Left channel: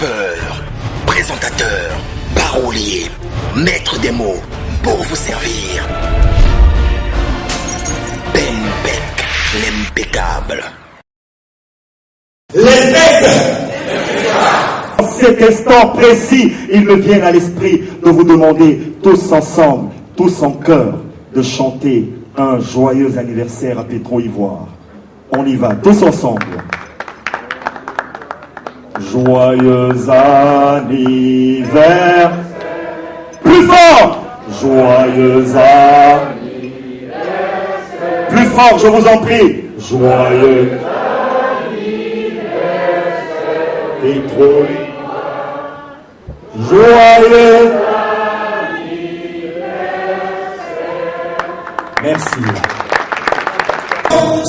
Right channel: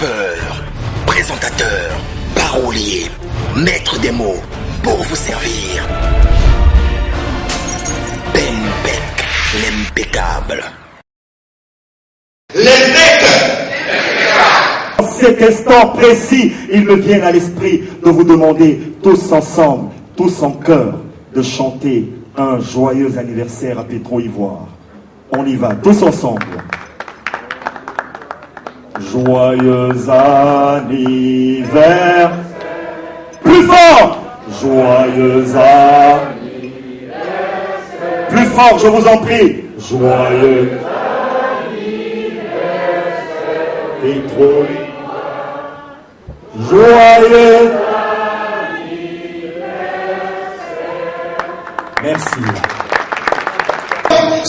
Rappeur, présentateur, parolier, maître des mots, pour vous servir. Ben Beck, l'impeccable. En cet instant précis, il me vient à l'esprit de vous demander tous ensemble, tous en chœur, de chanter un joyeux anniversaire à Petro Ivoire. On y va, tous ensemble. Joyeux anniversaire. Plus fort. Joyeux anniversaire. Plus fort, je vous en prie. Joyeux anniversaire. Petro. Joyeux anniversaire. Merci.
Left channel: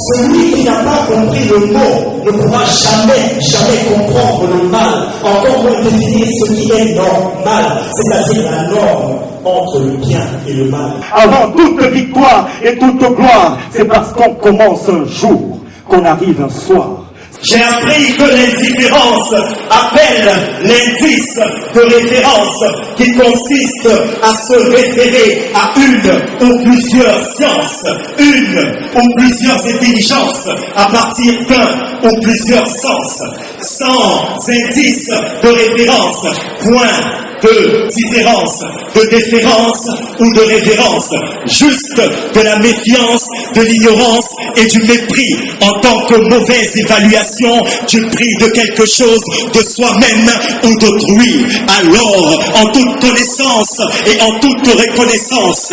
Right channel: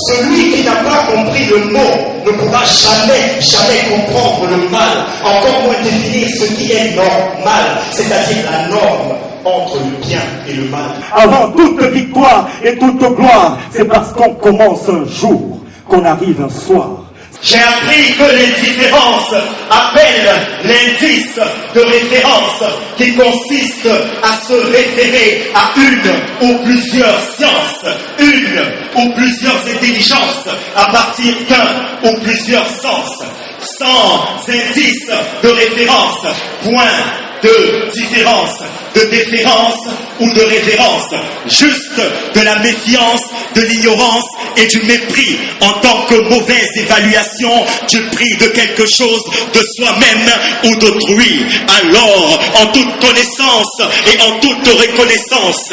Celui qui n'a pas compris le mot ne pourra jamais comprendre le mal, encore moins définir ce qui est normal, c'est-à-dire la norme entre le bien et le mal. Avant toute victoire et toute gloire, c'est parce qu'on commence un jour qu'on arrive un soir. J'ai appris que l'indifférence appelle l'indice de référence qui consiste à se référer à une ou plusieurs sciences, une ou plusieurs intelligences à partir d'un ou plusieurs sens, sans indice de référence, point de différence, de déférence ou de référence, juste de la méfiance, de l'ignorance et du mépris en tant que mauvaise évaluation du prix de quelque chose de soi-même ou d'autrui. Alors, en toute connaissance et en toute reconnaissance,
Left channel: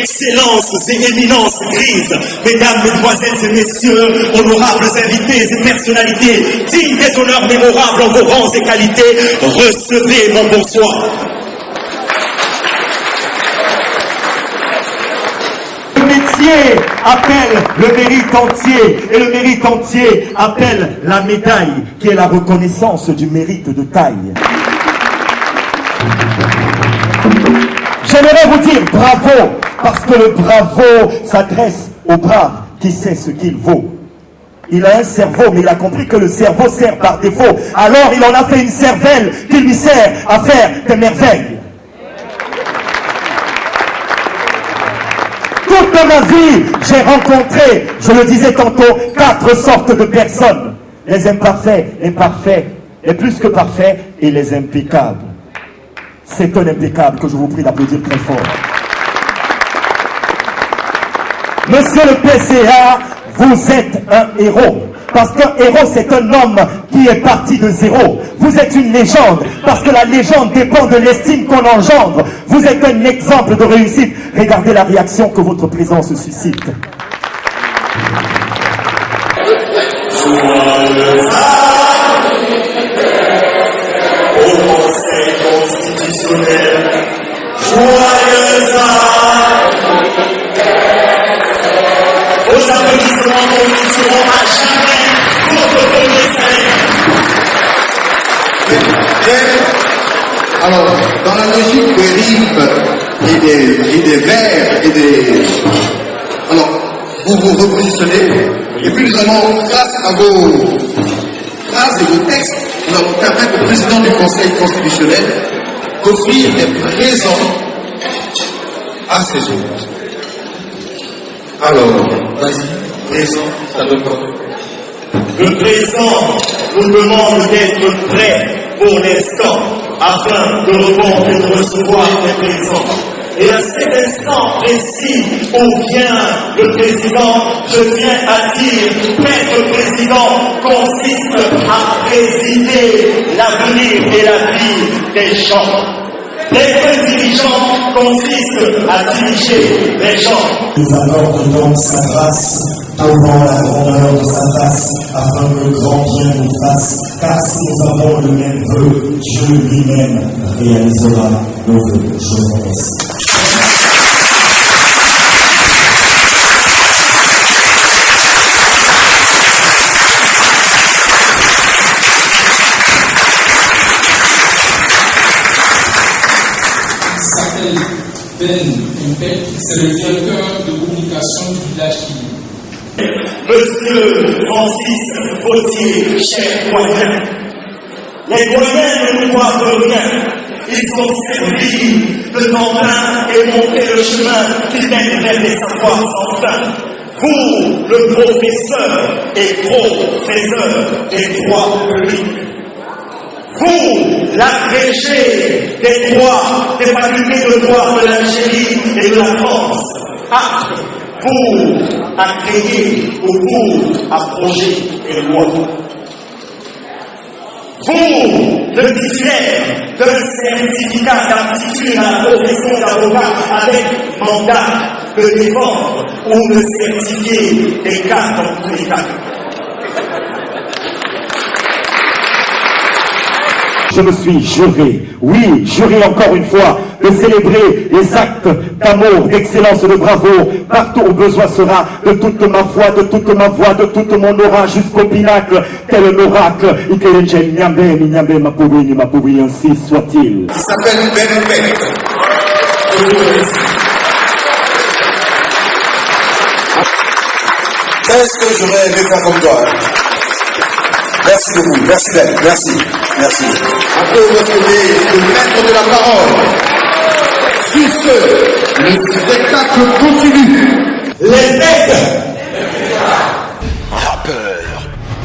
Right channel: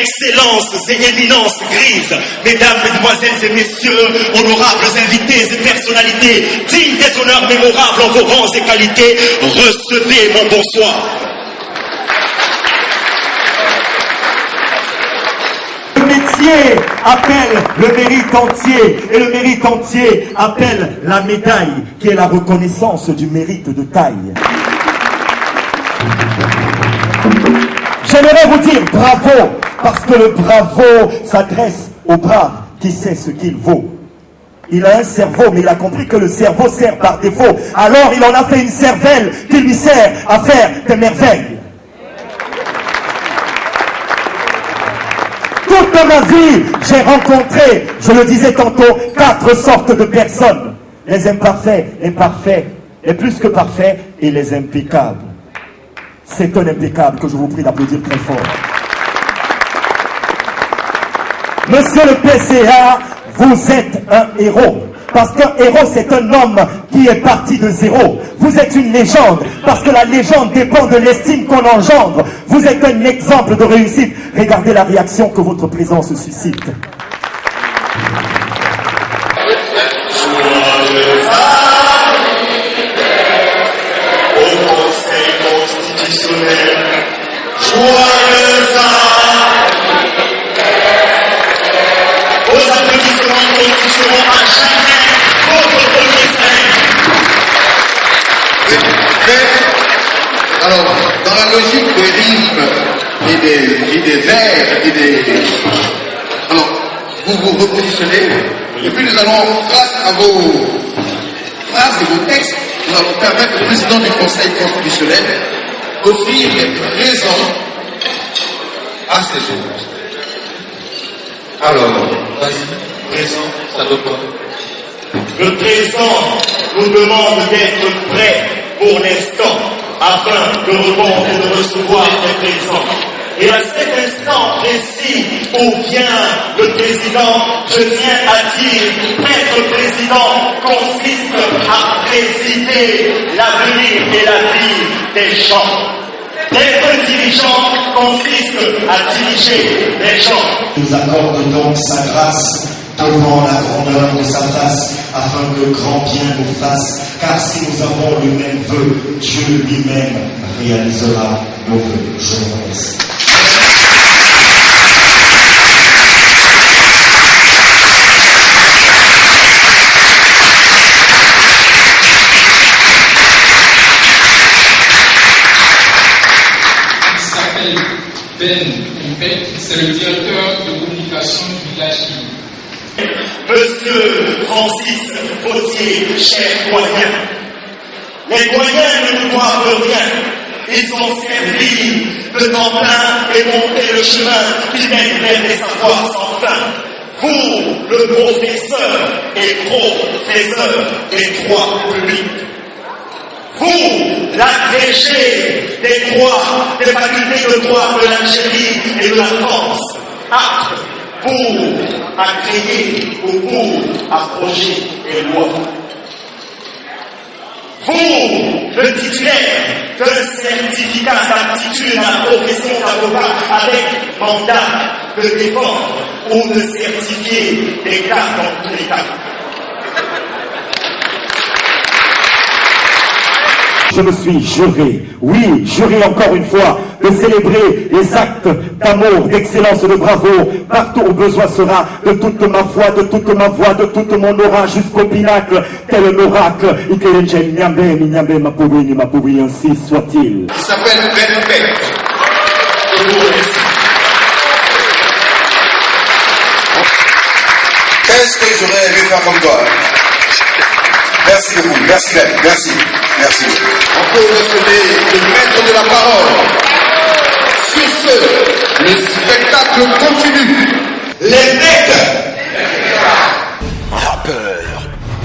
excellences et éminences grises, mesdames, mesdemoiselles et messieurs, honorables invités et personnalités, dignes des honneurs mémorables en vos rangs et qualités, recevez mon bonsoir. Le métier appelle le mérite entier et le mérite entier appelle la médaille qui est la reconnaissance du mérite de taille. J'aimerais vous dire bravo parce que le bravo s'adresse au brave qui sait ce qu'il vaut. Il a un cerveau, mais il a compris que le cerveau sert par défaut. Alors il en a fait une cervelle qui lui sert à faire des merveilles. Toute ma vie, j'ai rencontré, je le disais tantôt, 4 sortes de personnes. Les imparfaits, les parfaits, les plus que parfaits et les impeccables. C'est un impeccable que je vous prie d'applaudir très fort. Monsieur le PCA, vous êtes un héros. Parce qu'un héros, c'est un homme qui est parti de zéro. Vous êtes une légende, parce que la légende dépend de l'estime qu'on engendre. Vous êtes un exemple de réussite. Regardez la réaction que votre présence suscite. Joyeux anniversaire au Conseil constitutionnel. Joyeux anniversaire. Vos applaudissements constitueront à jamais votre premier salaire. Alors, dans la logique des rimes et des vers alors, vous vous repositionnez et puis nous allons, face à vos phrases et vos textes, nous allons permettre au président du Conseil constitutionnel d'offrir des présents à ses hôtes. Alors, vas-y, présent, ça donne quoi? Le présent vous demande d'être prêt pour l'instant afin de répondre ou de recevoir des présents. Et à cet instant précis où vient le président, je tiens à dire qu'être président consiste à présider l'avenir et la vie des gens. Être dirigeant consiste à diriger les gens. Nous accorde donc sa grâce devant la grandeur de sa face, afin que grand bien nous fasse, car si nous avons le même vœu, Dieu lui-même réalisera nos vœux. Je vous remercie. Il s'appelle Ben Beck, c'est le directeur de communication du village. Monsieur Francis Vautier, cher doyen, Les doyens ne nous doivent rien. Ils ont servi le tremplin et monté le chemin qui mène vers des savoirs sans fin. Vous, le professeur et professeur des droits publics. Vous, l'agrégé des droits, des facultés de droit de l'Algérie et de la France, apte à créer ou pour abroger des lois. Vous, le titulaire d'un certificat d'aptitude à la profession d'avocat avec mandat de défendre ou de certifier des cas dans tous les cas. Je me suis juré, oui, juré encore une fois, de célébrer les actes d'amour, d'excellence, de bravoure, partout où besoin sera, de toute ma foi, de toute ma voix, de toute mon aura, jusqu'au pinacle, tel un oracle, ainsi soit-il. Il s'appelle Ben Beck. Je vous remercie. Qu'est-ce que j'aurais aimé faire comme toi? Merci beaucoup. Merci Ben. Merci. Merci. On peut recevoir le maître de la parole. Sur ce, le spectacle continue. Les mecs, Rappeur,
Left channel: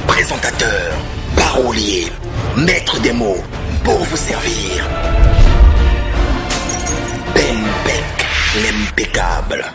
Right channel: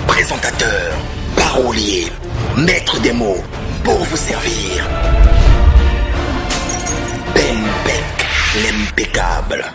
présentateur, parolier, maître des mots, pour vous servir. Ben Beck, l'impeccable.